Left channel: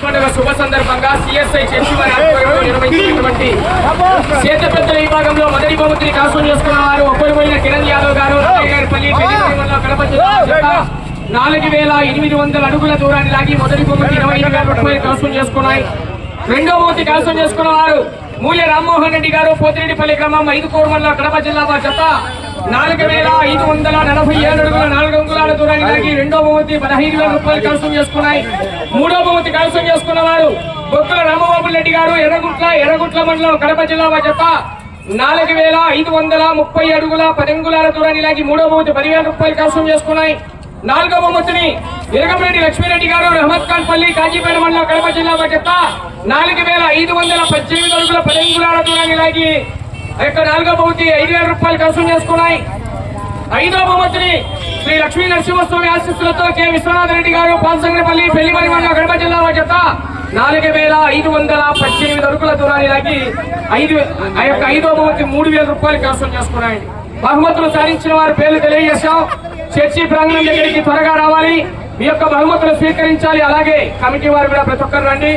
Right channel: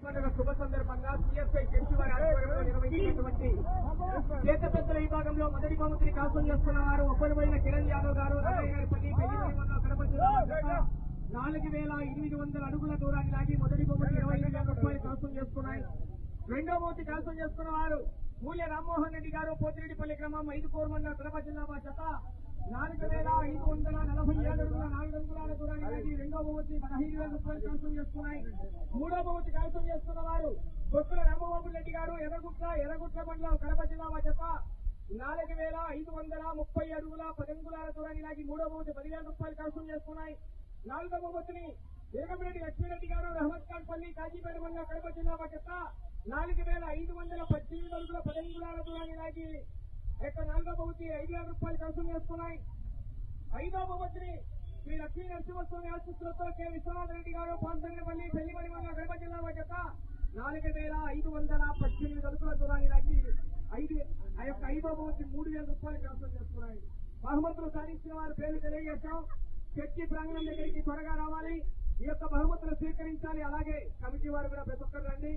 శుభ సందర్భంగా CSI church వారి ఆధ్వర్యంలో నిర్వహించినటువంటి చేతపెద్దల విభాగంలో మొదటి బహుమతిని కైవసం చేసుకున్న వారు ఒక్కరిపోయిన కిరణ్ యాదవ్ గారు కడప జిల్లా 4800 అడుగుల దూరాన్ని లాగి మొదటి బహుమతి 25,000 రూపాయలు కైవసం చేసుకున్నాయి. రెండో బహుమతి కైవసం చేసుకున్న వారు మూల్య రామ్మోహన్ రెడ్డి గారు పోతిరెడ్డిపల్లి గ్రామం 5 కోర్మల్లో కడప జిల్లా జత 4547 అడుగుల 4 అంగుళాల దూరాన్ని లాగి రెండో బహుమతి 15,000 రూపాయలు కైవసం చేసుకున్నాయి. మూడో బహుమతి కైవసం చేసుకున్న వారు బొక్కుల రామబాబు రెడ్డి గారు ఎర్రగుట్ల మండలం కడప జిల్లా జత 4530 అడుగుల 10 అంగుళాల దూరాన్ని లాగి మూడో బహుమతి 10,000 రూపాయలు కైవసం చేసుకున్నాయి. నాలుగో బహుమతిని ఇరగంరెడ్డి లక్ష్మీరెడ్డి గారు రహమత్ ఖాన్ పల్లి కాజీపేట మండలం కడప జిల్లా జత 4518 అడుగుల 10 అంగుళాల దూరాన్ని లాగి నాలుగో బహుమతి 5,000 రూపాయలు కైవసం చేసుకున్నాయి. ఐదో బహుమతిని శ్రీ లక్ష్మీ నరసింహస్వామి ఆశీస్సులతో కె విశ్వనాథ్ రెడ్డి గారు పాల్సంగ్రపల్లి పెళ్లిమరి మండలం కడప జిల్లా జత 4518 అడుగుల దూరాన్ని లాగి ఐదో బహుమతి 3,000 రూపాయలు కైవసం చేసుకున్నాయి. బహుమతులు సాధించిన వారి పేర్లు తెలియజేశాం. చర్చి ప్రాంగణం దగ్గరికి త్వరగా రావాలి, మీ యొక్క బహుమతులు స్వీకరించాలి. అలాగే కమిటీ వారు కూడా ప్రతి ఒక్కరు రండి.